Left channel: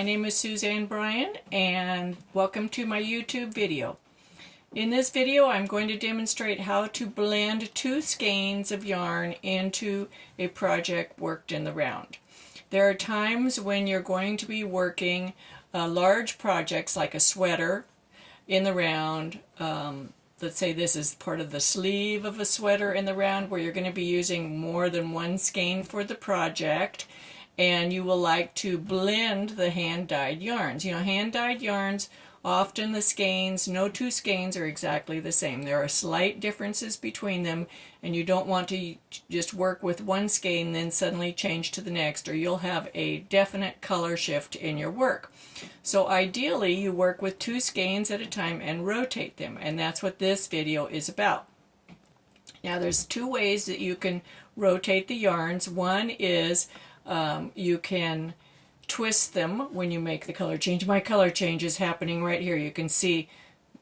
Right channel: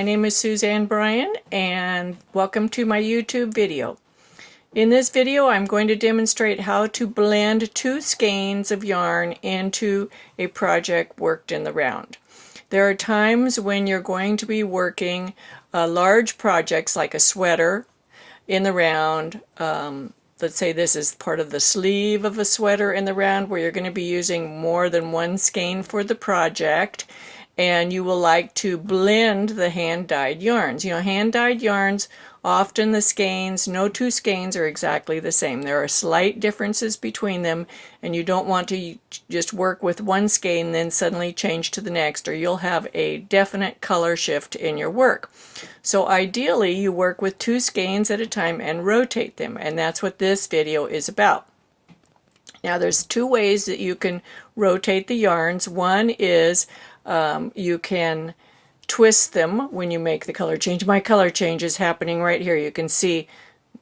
My name is Suzanne Bryan and welcome to my YouTube video. In this video I'm going to demonstrate how to blend 2 skeins of yarn into a project worked in the round. There are times when you're going to be working large projects like a sweater in the round. Let's say this is part of the sleeve of a sweater in the round where you're going to be using more than one skein for the project. And you will like to blend the hand-dyed yarns. You know, hand-dyed yarns, often the skeins, no 2 skeins are exactly the same. There are slight differences between them, and you don't want to just work with one skein then suddenly change to the next, or you'll have a definite color shift in your work. So ideally, you work with 2 skeins at a time and rotate them, and that's what this video is about. Now, there's 2 ways that you can rotate the yarns. One is you can twist them when you make the color change. My color change is happening right here. You can see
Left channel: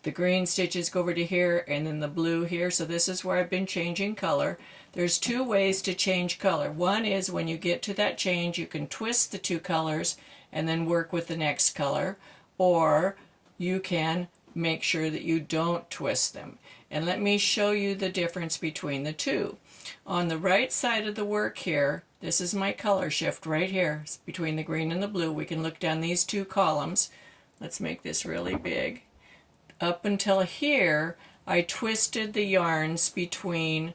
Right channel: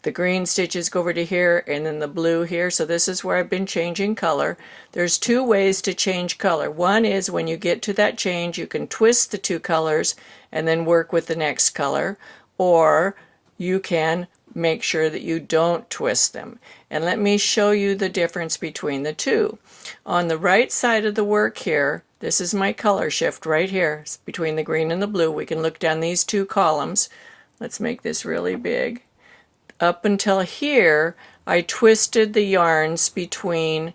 the green stitches go over to here and then the blue here. So this is where I've been changing color. There's 2 ways to change color. One is when you get to that change, you can twist the 2 colors and then work with the next color, or you can make sure that you don't twist them. And let me show you the difference between the 2. On the right side of the work here, this is my color shift right here between the green and the blue. We can look down these 2 columns. Let's make this really big. Up until here, I twisted the yarns between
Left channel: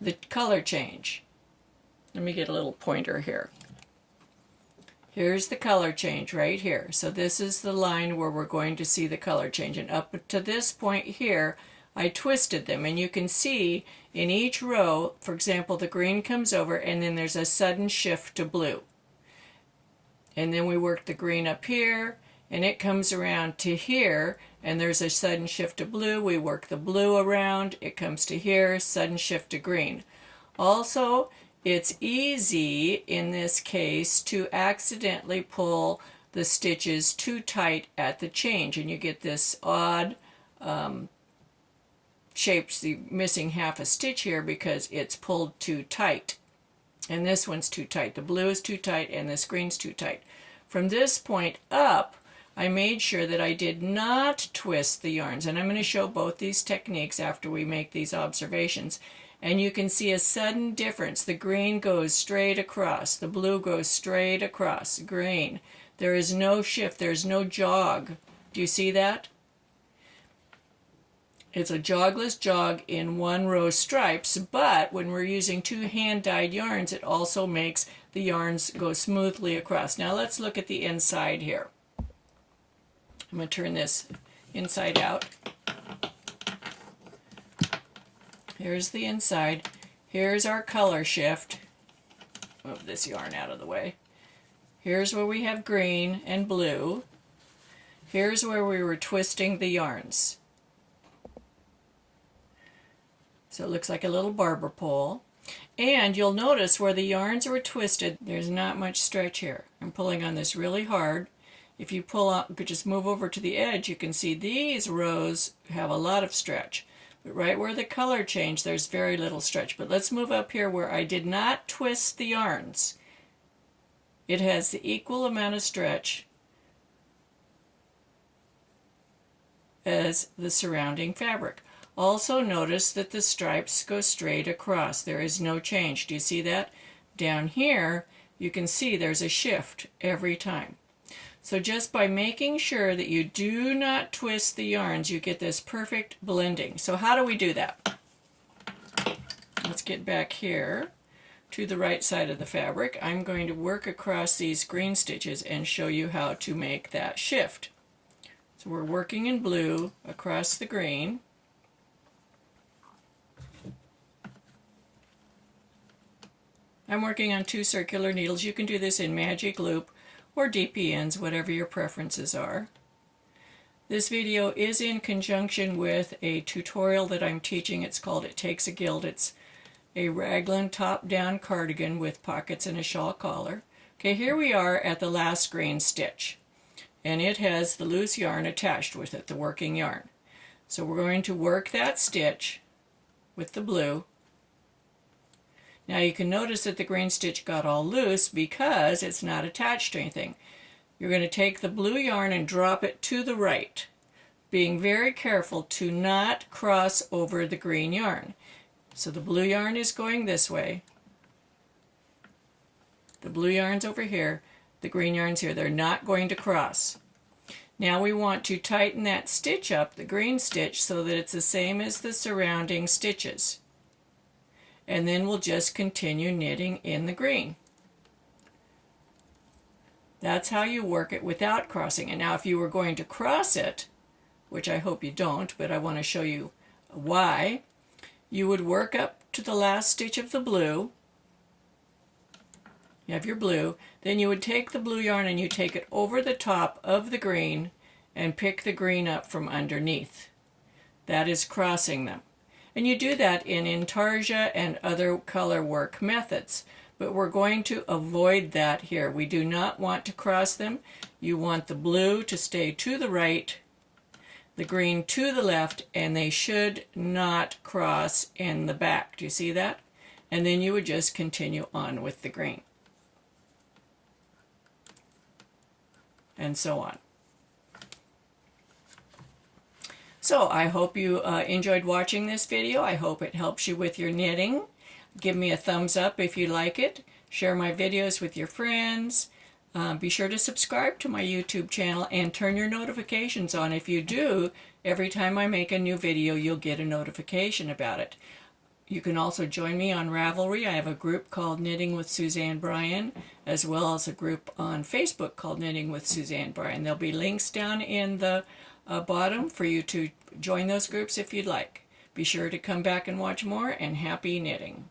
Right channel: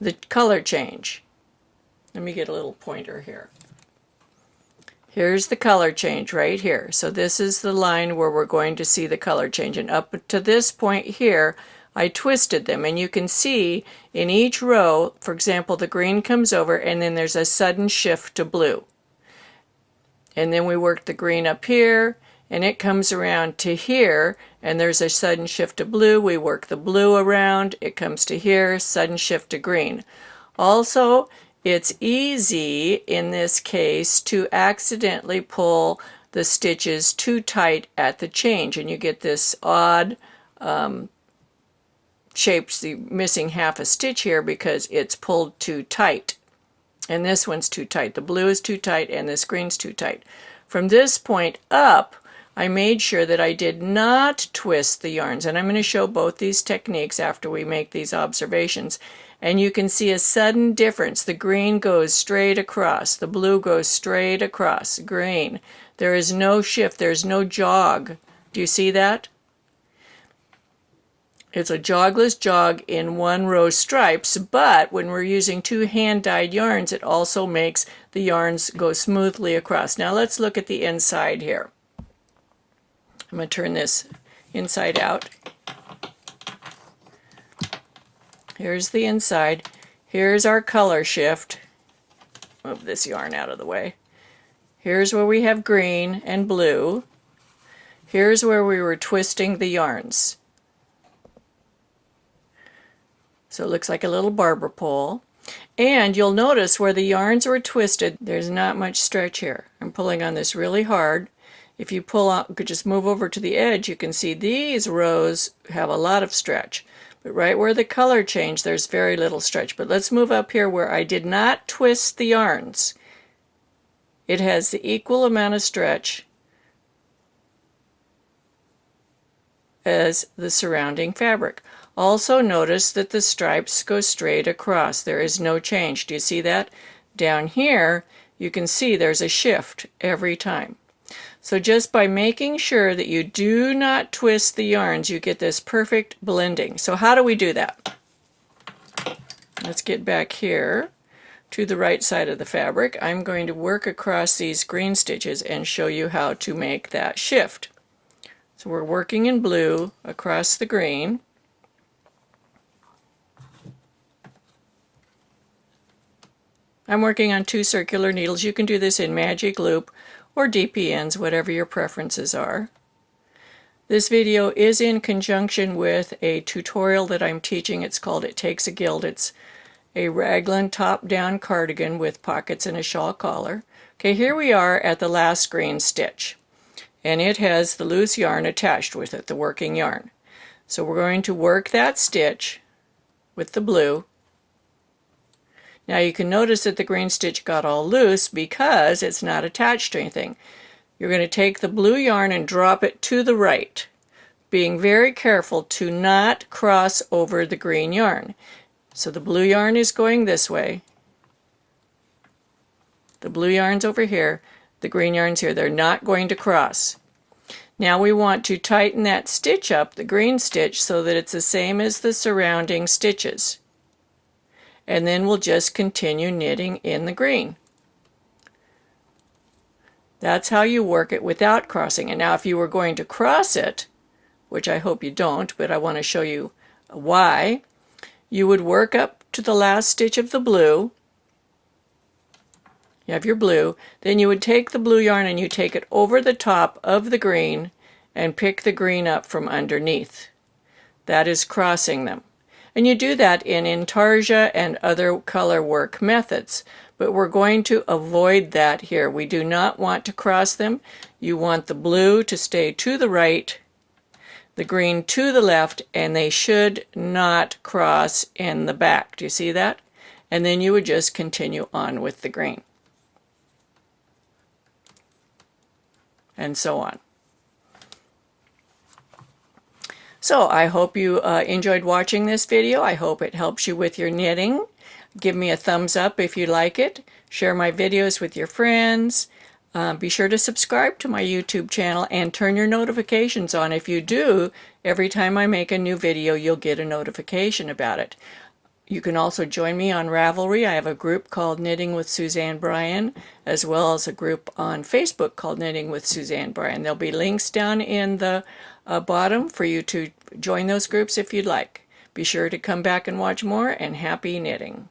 the color change. Let me get a little pointer here. Here's the color change right here. So this is the line where we're going to see the color change. And up to this point here, I twisted them, and you can see in each row, for example, the green comes over and then there's a sudden shift to blue. And then we work the green up here and it comes around to here and there's a sudden shift to blue. We work the blue around, it comes to here, sudden shift to green. Also, it's easy in this case to accidentally pull the stitches too tight at the change, and you get this odd shapes, the missing half a stitch here because it's pulled too tight. And this one's too tight. The blue is too tight and this green's too tight. From this point up, I made sure that I did not twist the yarns. And I'm going to show both these techniques after we make these observations. And you can see a sudden difference. The green goes straight across. The blue goes straight across. Green. There is no shift. There's no jog. Do you see that? It's a jogless jog in 1 row stripes, but when we're using 2 hand-dyed yarns, it also makes the yarns go smoothly across. Now let's look at the inside here. I'm going to turn this inside out. Here's the inside. Here's our color shift. Move this yarn out of the way. Here's where we have green and blue. Here's where we were twisting the yarns. So it looks like a little barber pole. And you'll notice where the yarns were twisted, there's not much stretch here. I'm pulling on this really hard. If you pull out, could just move over to the edge, you can see these rows have a lot of stretch. But right where the color changed, there's very little stretch. But let's move up here where I did not twist the yarns. It has the equal amount of stretch as the surrounding fabric. Also notice that the stripes go straight across. There is no change. Do you see that? Down here, you can see there's a shift every time. So just by making sure that you do not twist the yarns, you get this perfect blending. So how do we do that? Let's get back here to the right side of the fabric. I'm going to work across these green stitches and show you how to make that shift. So we're working in blue across the green. I'm working on 2 circular needles. You can do this in magic loop or DPNs, whatever your preferences are. This video is in conjunction with a tutorial that I'm teaching. It's called It Takes a Guild. It's a raglan top-down cardigan with pockets and a shawl collar. Okay, here we are at the last green stitch, and it has the loose yarn attached with it, the working yarn. So we're going to work that stitch with the blue. Now you can notice that the green stitch got all loose because it's not attached to anything. you're going to take the blue yarn and drop it to the right, being very careful to not cross over the green yarn. So the blue yarn is going this way. The blue yarn's over here. The green yarn's here. They're not going to cross. Now we want to tighten that stitch up, the green stitch, so that it's the same as the surrounding stitches. And then we'll just continue knitting in the green. That's how you work it without crossing it. Now if you were going to cross it, which I hope you don't, but I want to show you why, you would work up to the last stitch of the blue. You have your blue, then you would take the blue yarn and you take it over the top of the green and pick the green up from underneath. That is crossing them. And you do that in intarsia and other color work methods, but we're going to avoid that here. We do not want to cross them. You want the blue to stay to the right, the green to the left, and they should not cross in the back. Do you see that? And then you would just continue on with the green. And so on. So I hope you enjoyed watching this video. I hope it helps you with your knitting. Give me a thumbs up if you like it. Share my videos with your friends. Be sure to subscribe to my YouTube channel and turn your notifications on. If you do, every time I make a new video, you'll get a notification about it. You can also join me on Ravelry. I have a group called Knitting with Suzanne Bryan, as well as a group on Facebook called Knitting with Suzanne Bryan. There'll be links down in the bottom for you to join those groups if you'd like. Be sure to come back and watch more, and happy knitting.